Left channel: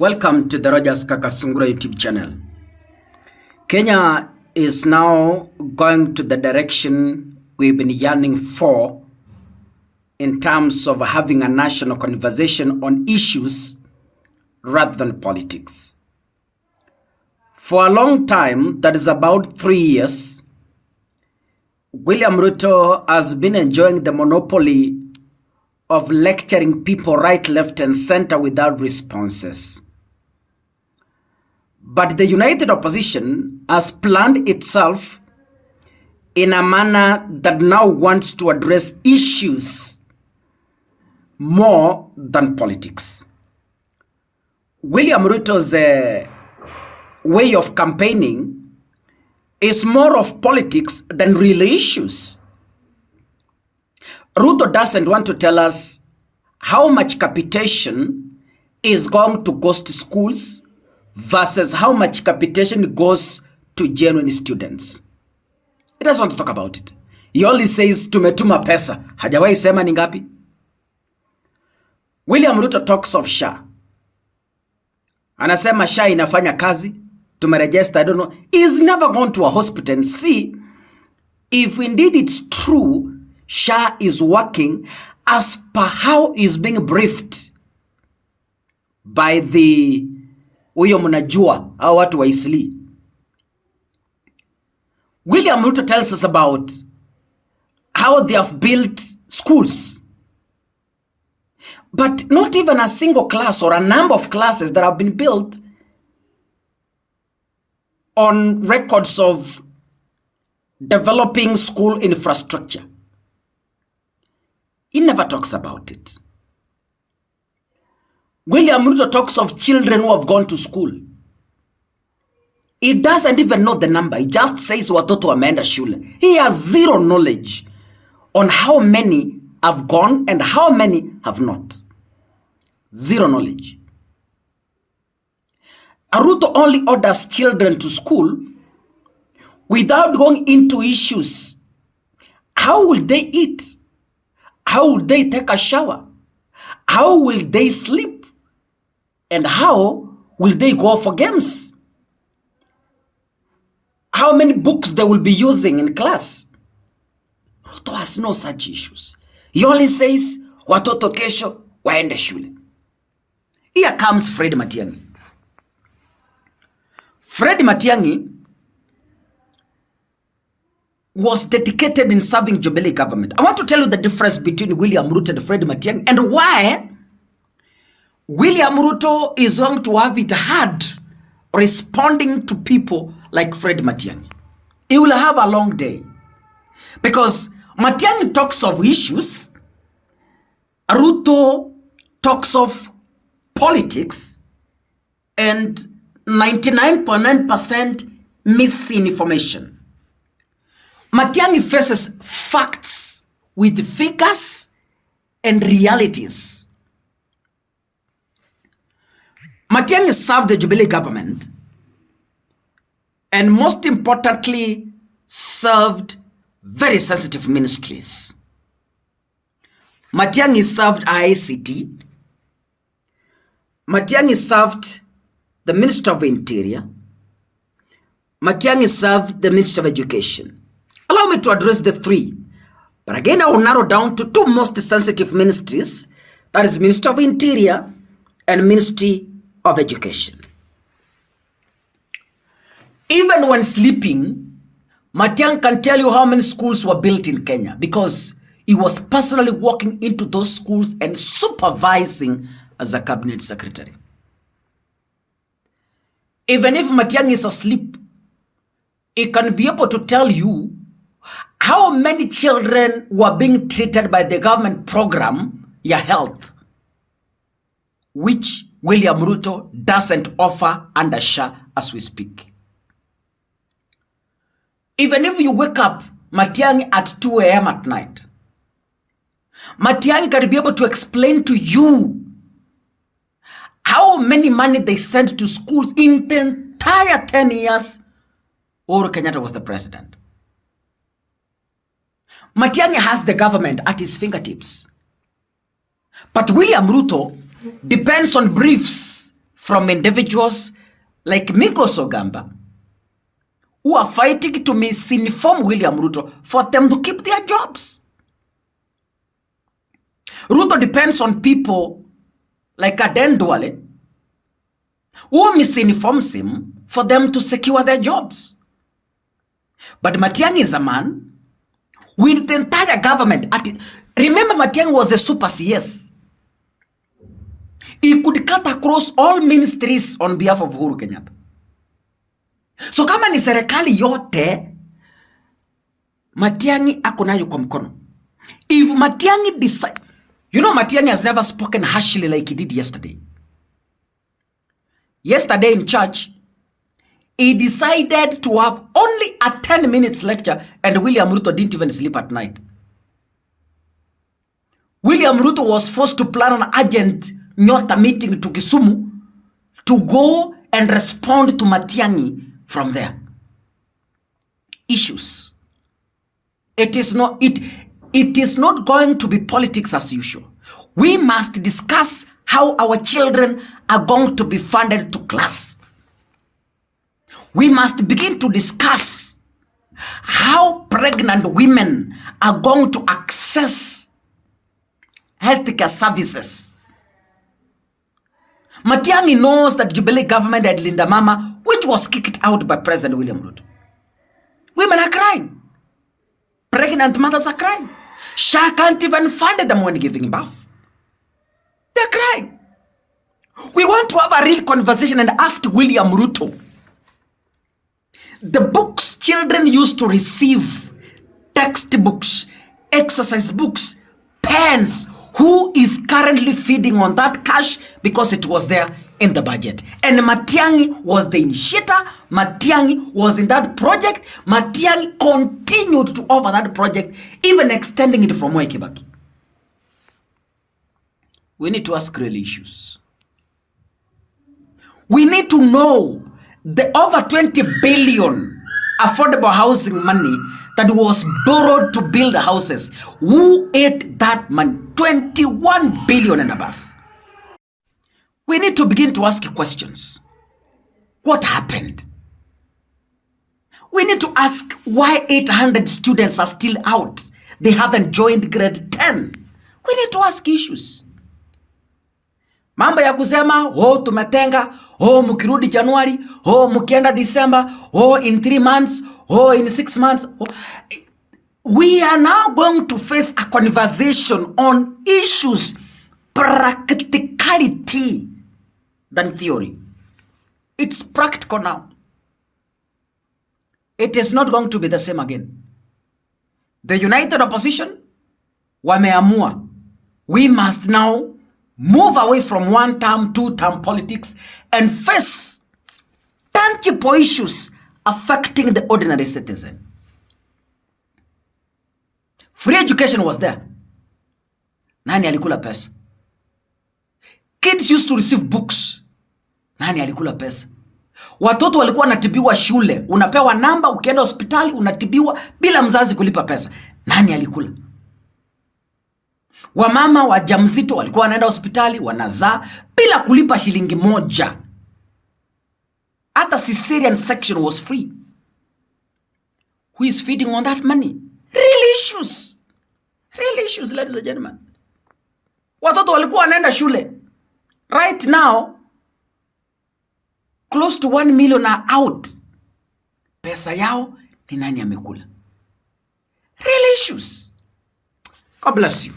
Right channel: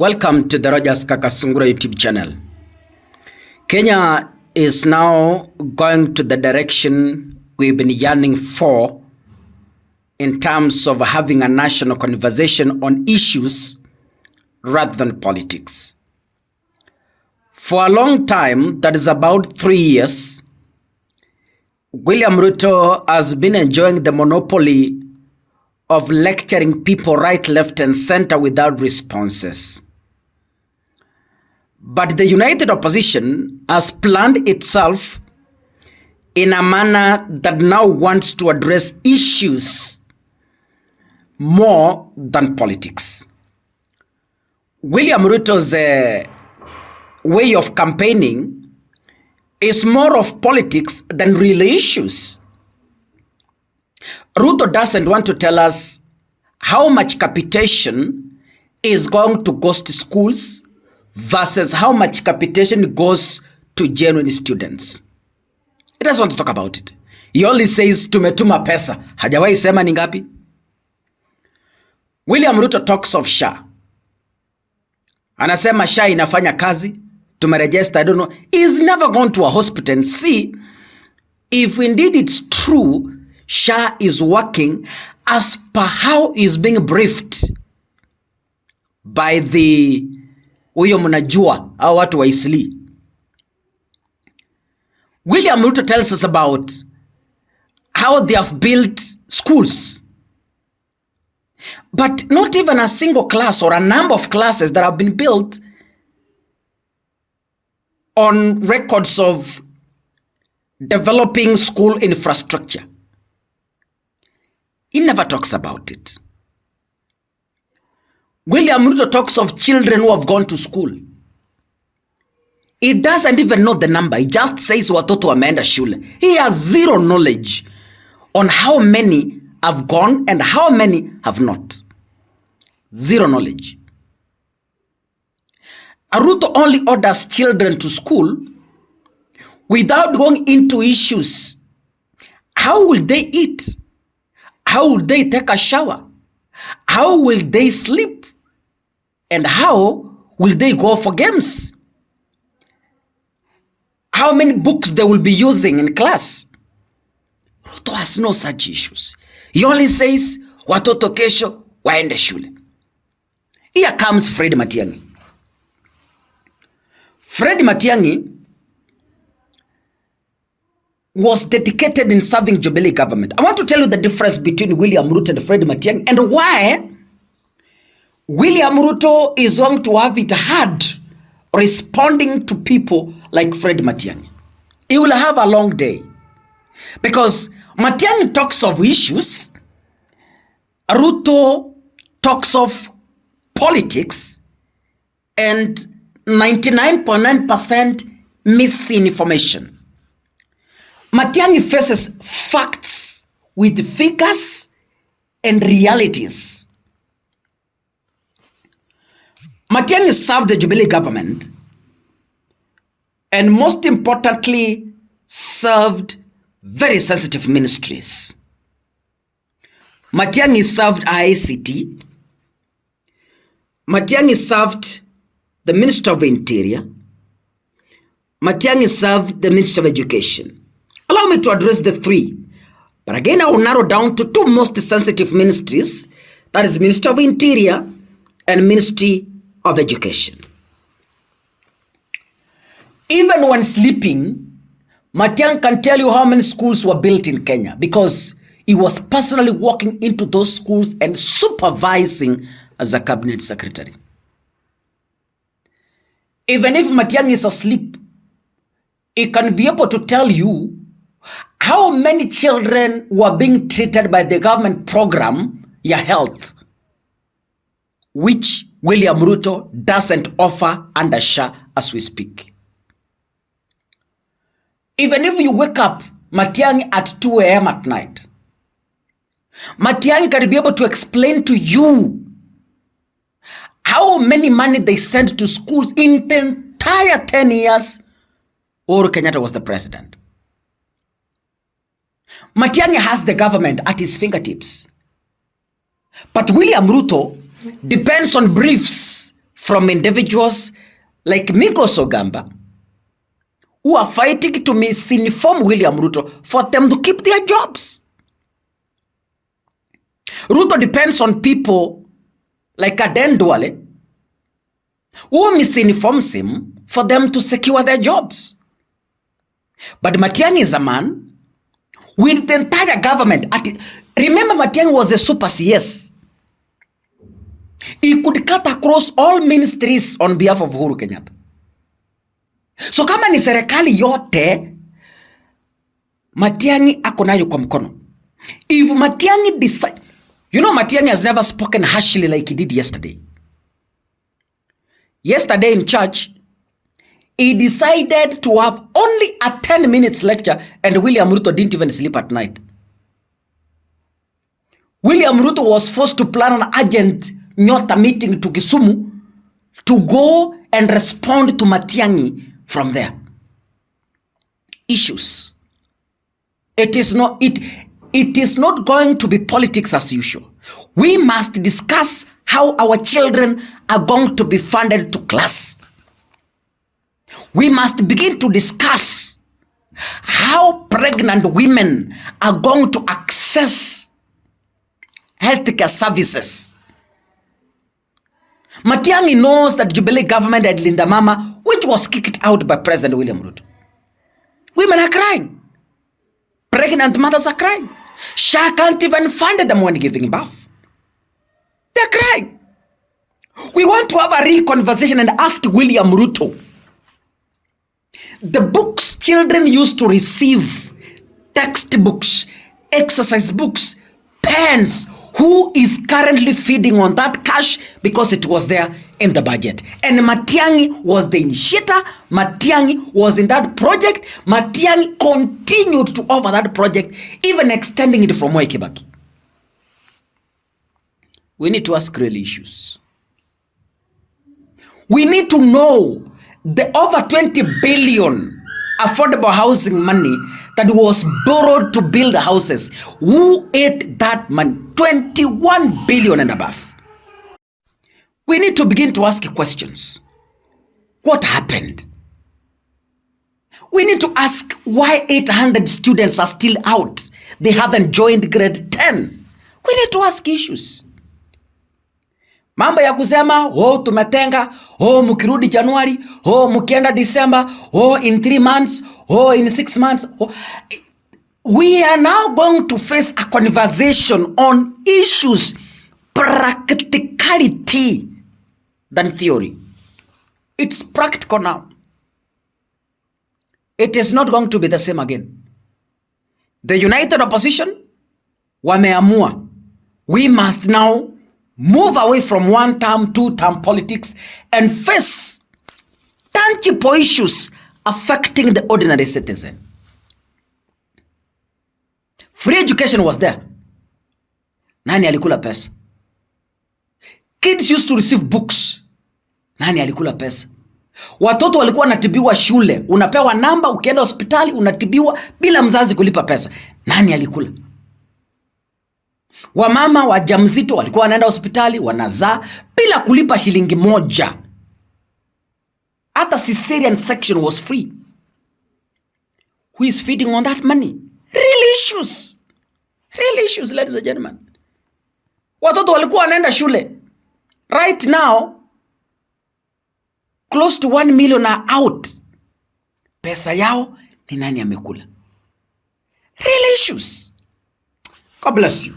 Welcome to the Rogers Kakasungura YouTube channel. Kenya is now going to the direction we've been yearning for in terms of having a national conversation on issues rather than politics. For a long time, that is about 3 years, William Ruto has been enjoying the monopoly of lecturing people right, left, and center without responses. But the united opposition has planned itself in a manner that now wants to address issues more than politics. William Ruto's way of campaigning is more of politics than real issues. Ruto doesn't want to tell us how much capitation is going to cost schools versus how much capitation goes to genuine students. He doesn't want to talk about it. He only says tumetuma pesa. Hajawahi sema ni ngapi. William Ruto talks of SHA. Anasema SHA inafanya kazi. Tumeregister, I don't know. He's never gone to a hospital and see if indeed it's true SHA is working as per how is being briefed by the huyo mnajua au watu wa Isli. William Ruto tells us about how they have built schools, but not even a single class or a number of classes that have been built on records of developing school infrastructure. He never talks about it. William Ruto talks of children who have gone to school. He doesn't even know the number. He just says watoto wameenda shule. He has zero knowledge on how many have gone and how many have not. Zero knowledge. Ruto only orders children to school without going into issues. How will they eat? How will they take a shower? How will they sleep? And how will they go for games? How many books they will be using in class? Ruto has no such issues. He only says, watoto kesho waende shule. Here comes Fred Matiang'i. Fred Matiang'i was dedicated in serving Jubilee government. I want to tell you the difference between William Ruto and Fred Matiang'i and why William Ruto is going to have it hard responding to people like Fred Matiang'i. He will have a long day because Matiang'i talks of issues, Ruto talks of politics, and 99.9% misinformation. Matiang'i faces facts with figures and realities. Matiang'i served the Jubilee government and most importantly served very sensitive ministries. Matiang'i served ICT. Matiang'i served the Minister of Interior. Matiang'i served the Minister of Education. Allow me to address the three. But again, I will narrow down to two most sensitive ministries. That is Minister of Interior and Ministry of Education. Even when sleeping, Matiang'i can tell you how many schools were built in Kenya because he was personally walking into those schools and supervising as a cabinet secretary. Even if Matiang'i is asleep, he can be able to tell you how many children were being treated by the government program, Ya Health, which William Ruto doesn't offer under SHA as we speak. Even if you wake up Matiang'i at 2 a.m. at night, Matiang'i can be able to explain to you how many money they sent to schools in the entire 10 years Uhuru Kenyatta was the president. Matiang'i has the government at his fingertips. But William Ruto depends on briefs from individuals like Migos Ogamba who are fighting to misinform William Ruto for them to keep their jobs. Ruto depends on people like Aden Duale who misinforms him for them to secure their jobs. But Matiang'i is a man with the entire government. Remember, Matiang'i was a super CS. He could cut across all ministries on behalf of Uhuru Kenyatta. So kama ni serikali yote, Matiang'i ako nayo kwa mkono. If Matiang'i decide, you know, Matiang'i has never spoken harshly like he did yesterday. Yesterday in church, he decided to have only a 10 minutes lecture, and William Ruto didn't even sleep at night. William Ruto was forced to plan an urgent Nyota meeting to Kisumu to go and respond to Matiang'i from there. Issues. It is not going to be politics as usual. We must discuss how our children are going to be funded to class. We must begin to discuss how pregnant women are going to access healthcare services. Matiang'i knows that Jubilee government had Linda Mama, which was kicked out by President William Ruto. Women are crying. Pregnant mothers are crying. SHA can't even fund them when giving birth. They're crying. We want to have a real conversation and ask William Ruto. The books children used to receive, textbooks, exercise books, pens, who is currently feeding on that cash because it was there in the budget? And Matiang'i was the initiator. Matiang'i was in that project. Matiang'i continued to offer that project, even extending it from Moi Kibaki. We need to ask real issues. We need to know the over 20 billion affordable housing money that was borrowed to build houses. Who ate that money? 21 billion and above. We need to begin to ask questions. What happened? We need to ask why 800 students are still out. They haven't joined grade 10. We need to ask issues. Mambo ya kusema, tumetenga, mukirudi Januari, mukienda December, in 3 months, in 6 months. We are now going to face a conversation on issues, practicality than theory. It's practical now. It is not going to be the same again. The united opposition, wameamua. We must now move away from one-term, two-term politics and face tangible issues affecting the ordinary citizen. Free education was there. Nani alikula pesa? Kids used to receive books. Nani alikula pesa? Watoto walikuwa wanatibiwa shule. Unapewa namba, ukienda hospitali, unatibiwa bila mzazi kulipa pesa. Nani alikula? Wamama wajamzito walikuwa wanaenda hospitali, wanazaa bila kulipa shilingi moja. Hata cesarean section was free. Who is feeding on that money? Real issues. Real issues, ladies and gentlemen. Watoto walikuwa wanaenda shule. Right now, close to 1 million are out. Pesa yao ni nani amekula? Real issues. God bless you.